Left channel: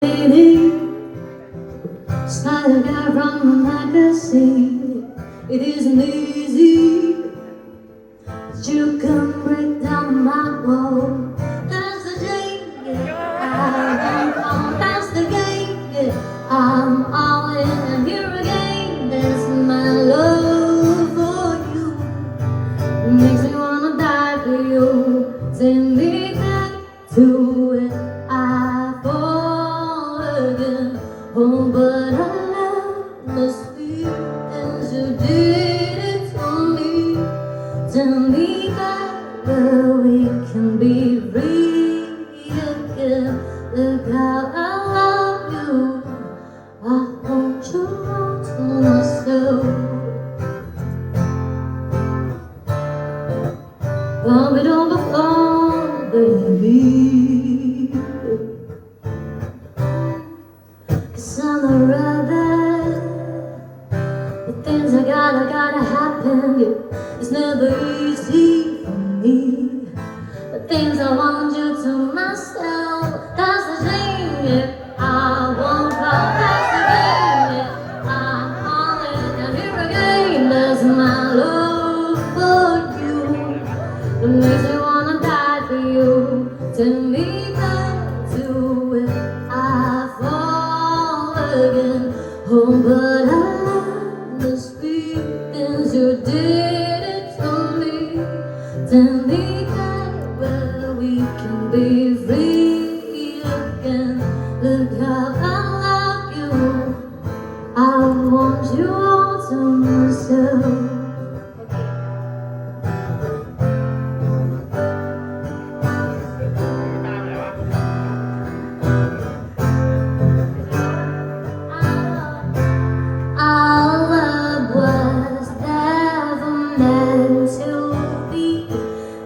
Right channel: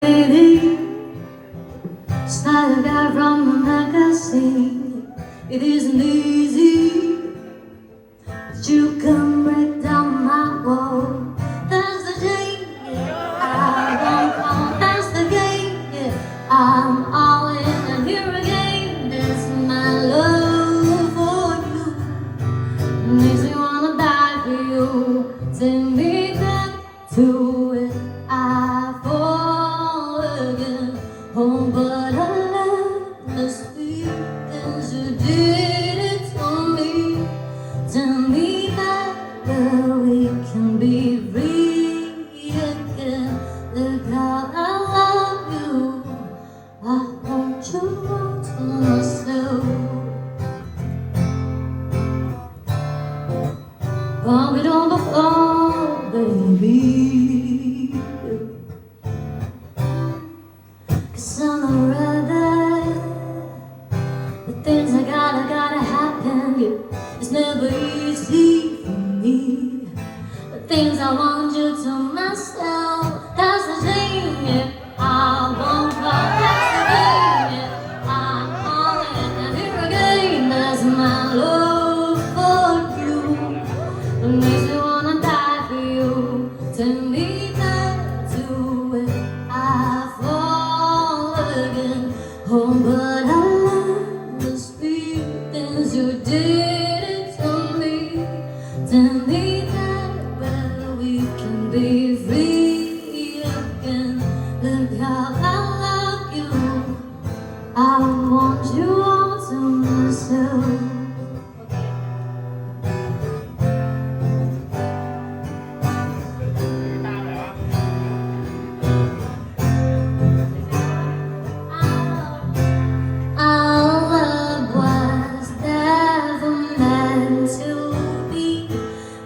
It's not a guy from a magazine. It isn't easy, but you can break down my wall. That's the game, yeah. I won't come. That's the game, yeah. I'm all in and here again. That's my love for you. Makes me wanna die for you. Take me back to it. I fall again. Oh, but I love the sweet things you did it to me. Tell me that we can be free again. Look how I love you. I want you all to myself. While we don't go on, baby. 'Cause I'm a rebel. The things I gotta happen. Yeah. It's never easy for me. The things I want you to myself. That's the thing, yeah. I won't cry. That's the thing, yeah. I'm falling and here again. That's my love for you. It makes me wanna die for you. Take me back to it. I fall again. Oh, but I love the sweet things you did it to me. Tell me that we can be free again. Look how I love you. I want you all to myself. Our love was never meant to be.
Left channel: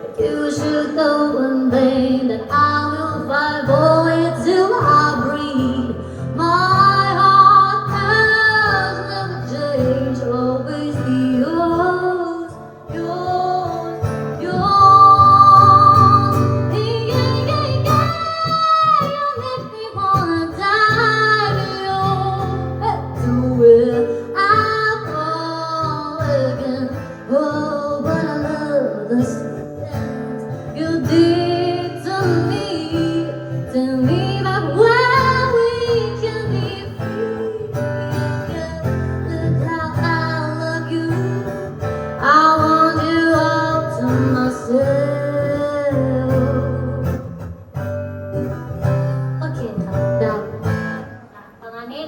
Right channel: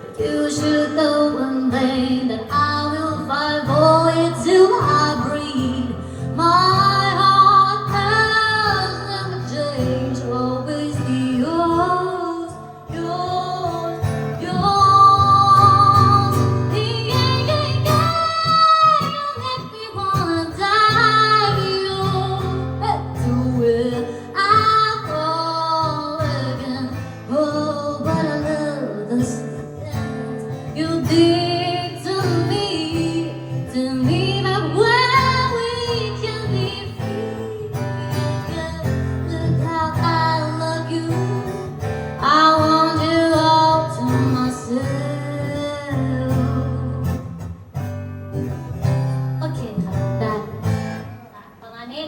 But you should know one thing, that I will fight for it till I breathe. My heart has never changed, always be yours, yours, yours. Yeah, yeah, yeah, yeah. You make me wanna die. To it, I fall again. Oh, but I love the things you did to me. Tell me that when we can be free again. Look how I love you. I want you all to myself. Okay, ครับได้ประมาณนี้